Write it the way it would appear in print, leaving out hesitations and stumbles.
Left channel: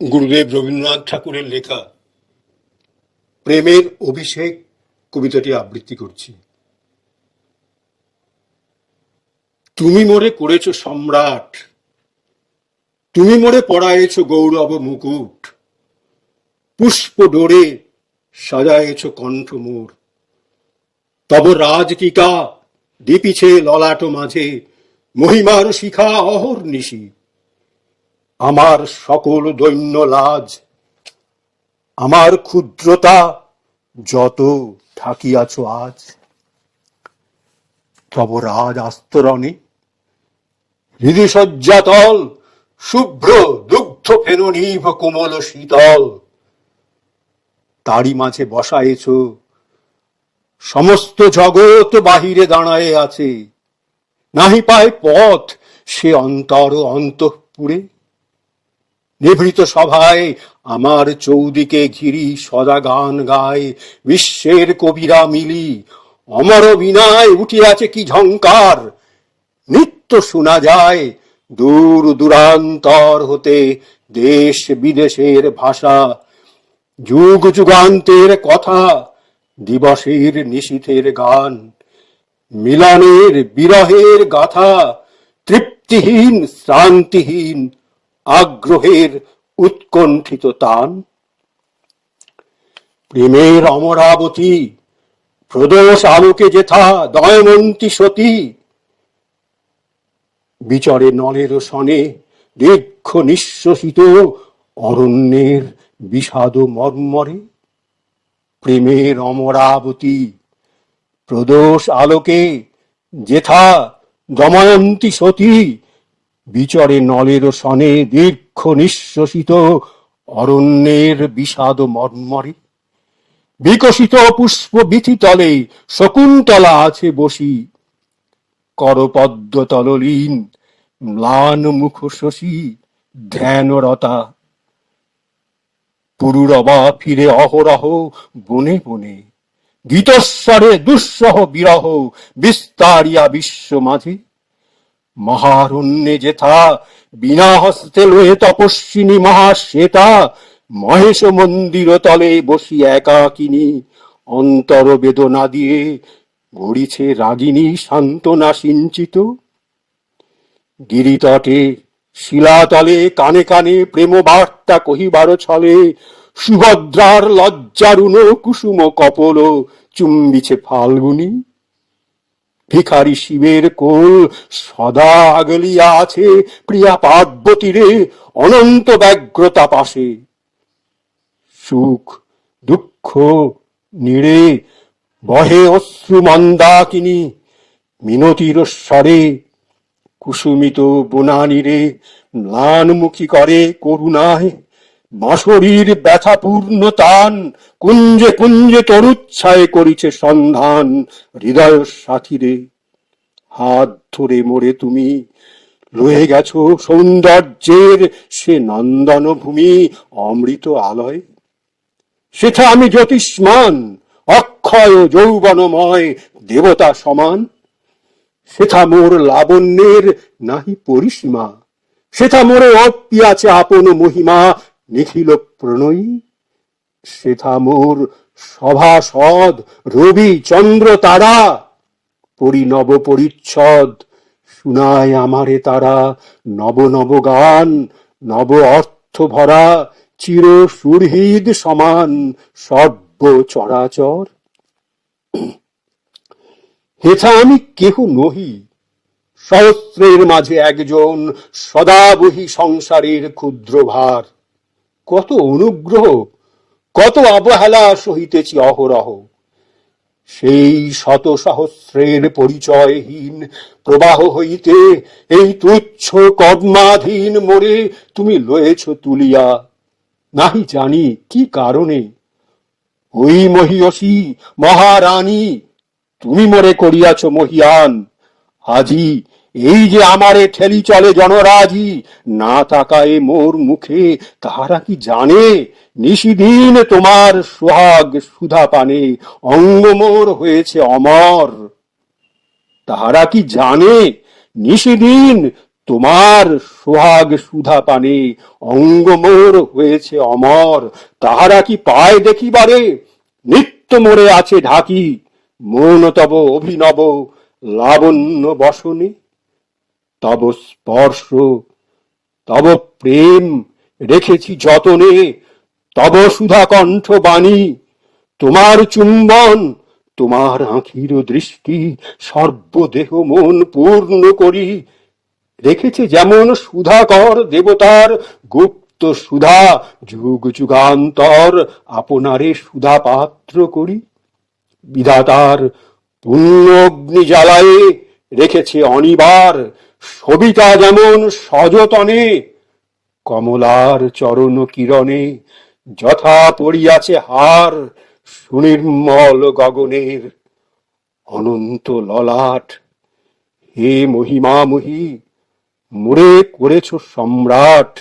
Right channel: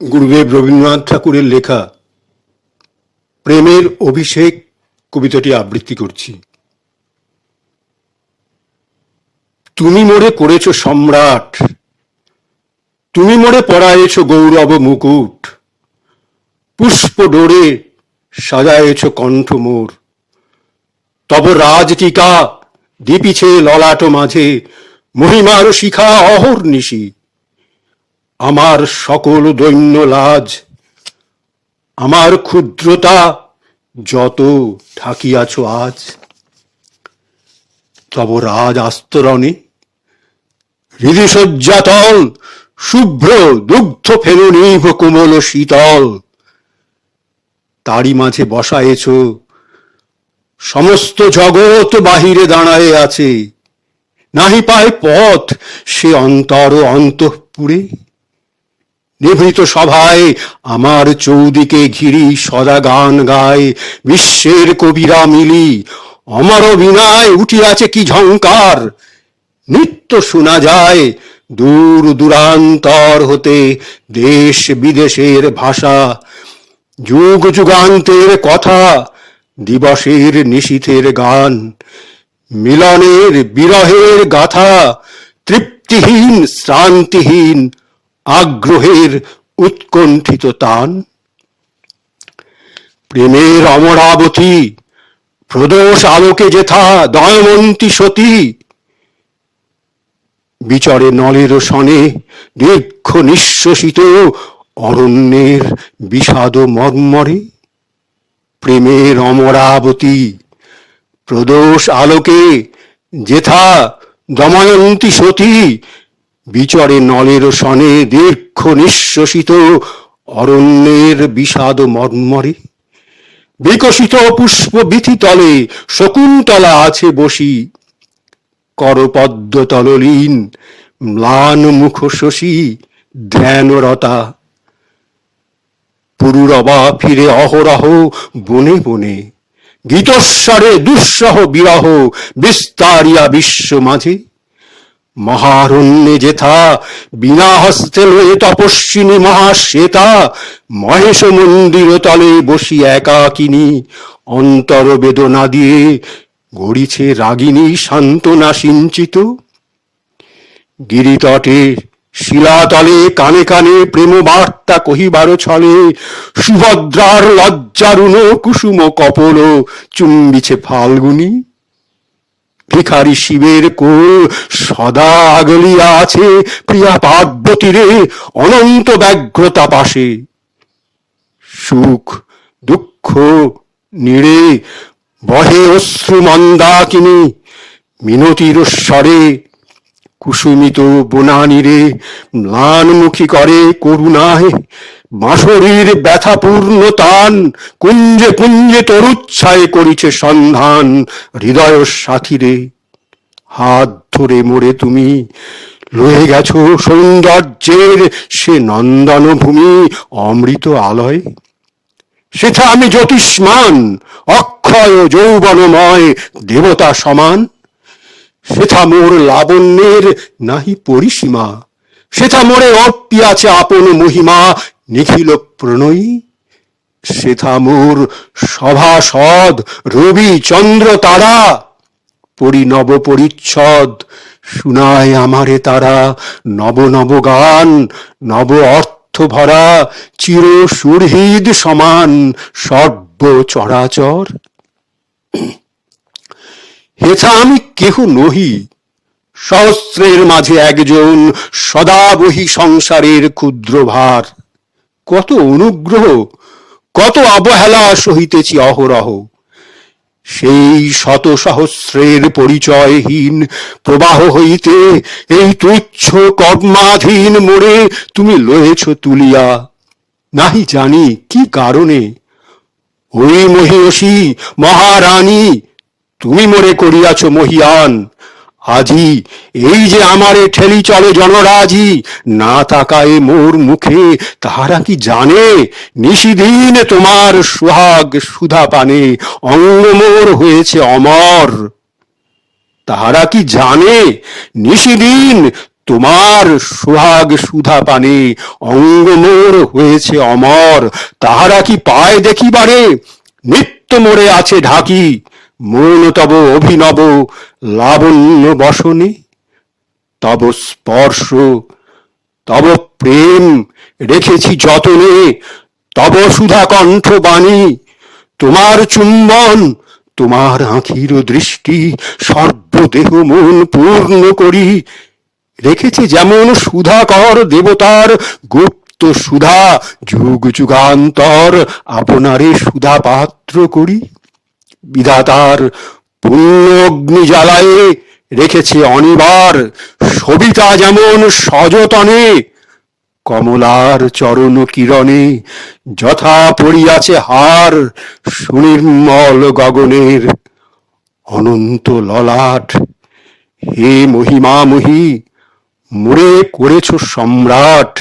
গুরুদেব রবীন্দ্রনাথ ঠাকুরের লেখা প্রেমের অভিষেক কবিতাটি আবৃত্তি করছি। তুমি মোরে করেছ সম্রাট, তুমি মোরে পরায়েছ গৌরব মুকুট, পুষ্প ডোরে সাজায়েছ কণ্ঠ মোর, তব রাজটিকা দীপিছে ললাট মাঝে, মহিমার শিখা অহর্নিশি। আমার সকল দৈন্য লাজ, আমার ক্ষুদ্রতা যত ঢাকিয়াছ আজ, তব রাজ আস্তরণে হৃদিশয্যাতল শুভ্র দুগ্ধ ফেনুনীভ কোমল শীতল, তারই মাঝে বসায়েছ সমস্ত জগৎ বাহিরে দাঁড়ায়ে আছে, নাহি পায় পথ সে অন্তর অন্তঃপুরে। নিভৃত সভায় আমার চৌদিকে ঘিরি সদা গান গায় বিশ্বের কবিরা মিলি, অমর বীণায় উঠিয়াছে কি ঝংকার, নিত্য শোনা যায় দূর দূরান্তর হতে দেশ বিদেশের ভাষা, যুগ যুগান্তের কথা, দিবসের নিশীথের গান, মিলনের বিরহের গাথা, তৃপ্তিহীন শ্রান্তিহীন আগ্রহের উৎকণ্ঠিত তান। প্রেমের অমরাবতী প্রদোষ আলোকে যেথা দয়মন্তী সতী, বিচরে নলের সনে দীর্ঘ নিঃশ্বসিত অরণ্যের বিষাদ মর্মরে। প্রেমের অমরাবতী প্রদোষ আলোকে যেথা দময়ন্তী সতী, বিচরে নলের সনে দীর্ঘ নিঃশ্বসিত অরণ্যের বিষাদ মর্মরে। বিকশিত পুষ্প বিথি তলে শকুন্তলা আছে বসি, করপদ্ম তললীন ম্লান মুখ শশী ধ্যানরতা। পুরুরবা ফিরে অহরহ বনে বনে, গীতস্বরে দুঃসহ বিরহ বিস্তারিয়া বিশ্ব মাঝে। মহারণ্যে যেথা বিনা হস্তে লয়ে তপস্বিনী মহাশ্বেতা, মহেশ মন্দির তলে বসি একাকিনী অন্তর বেদনা দিয়ে গড়িছে রাগিনী সান্ত্বনা সিঞ্চিত। গিরিতটে শিলাতলে কানে কানে প্রেম বার্তা কহিবার ছলে, সুভদ্রার লজ্জারুণ কুসুম কপল চুম্বিছে ফাল্গুনী। ভিখারি শিবের কোল সদা আগলিয়া আছে প্রিয়া পার্বতীরে অনন্ত ব্যগ্রতা পাশে। সুখ দুঃখ নীড়ে বহে অশ্রু মন্দাকিনী, মিনতির স্বরে কুসুমিত বনানীরে ম্লানমুখী করে করুণায় বাঁশরীর ব্যথাপূর্ণ তান। কুঞ্জে কুঞ্জে তরুচ্ছায় করিছে সন্ধান হৃদয় সাথীরে। হাত ধরে মোরে তুমি লয়ে গেছ সৌন্দর্যের সে নন্দন ভূমি অমৃত আলয়। সেথা আমি জ্যোতিষ্মান অক্ষয় যৌবনময় দেবতা সমান। সেথা মোর লাবণ্যের নাহি পরিসীমা, সেথা মোরে অর্পিয়াছে আপন মহিমা নিখিল প্রণয়ী। সেথা মোর সভাসদ রবি চন্দ্র তারা, পরিনব পরিচ্ছদ শুনায় আমারে তারা নব নব গান, নব অর্থ ভরা চির সুরহৃদ সমান সর্ব চরাচর। হেথা আমি কেহ নহি, সহস্রের মাঝে একজন সদা বহি সংসারের ক্ষুদ্র ভার। কত অনুগ্রহ কত অবহেলা সহিতেছি অহরহ, সেই শত সহস্রের পরিচয়হীন প্রবাহ হইতে এই তুচ্ছ কর্মাধীন মোরে তুমি লয়েছ তুলিয়া। নাহি জানি কি কারণে ওই মহিয়সী মহারানী তুমি মোরে করিয়াছ মহিয়ান। আজি এই যে আমারে ঠেলি চলে জনরাজি, না তাকায় মোর মুখে তাহারা কি জানে, নিশিদিন তোমার সোহাগ সুধা পানে অঙ্গ মোর হয়েছে অমর। তাহারা কি জানে নিশিদিন তোমার সোহাগ সুধা পানে অঙ্গ মোর হয়েছে অমর, তাহারা কি পায় দেখিবারে? নিত্য মোরে আছে ঢাকি, মন তব অভিনব লাবণ্য বসনে। তব স্পর্শ, তব প্রেম রেখেছি যতনে, তব সুধা কণ্ঠ বাণী, তোমার চুম্বন, তোমার আঁখির দৃষ্টি, সর্বদেহ মন পূর্ণ করি। রেখেছে যেমন সুধাকর দেবতার গুপ্ত সুধা, যুগ যুগান্তর আপনারে সুধা পাত্র করি। বিধাতার পুণ্য অগ্নি জ্বালায়ে রেখেছে অনিবার, সবিতা যেমন সযতনে, কমলার চরণ কিরণে যথা পড়িয়াছে হার, সুনির্মল গগনের অনন্ত ললাট। হে মহিমাময়ী, মোরে করেছ সম্রাট।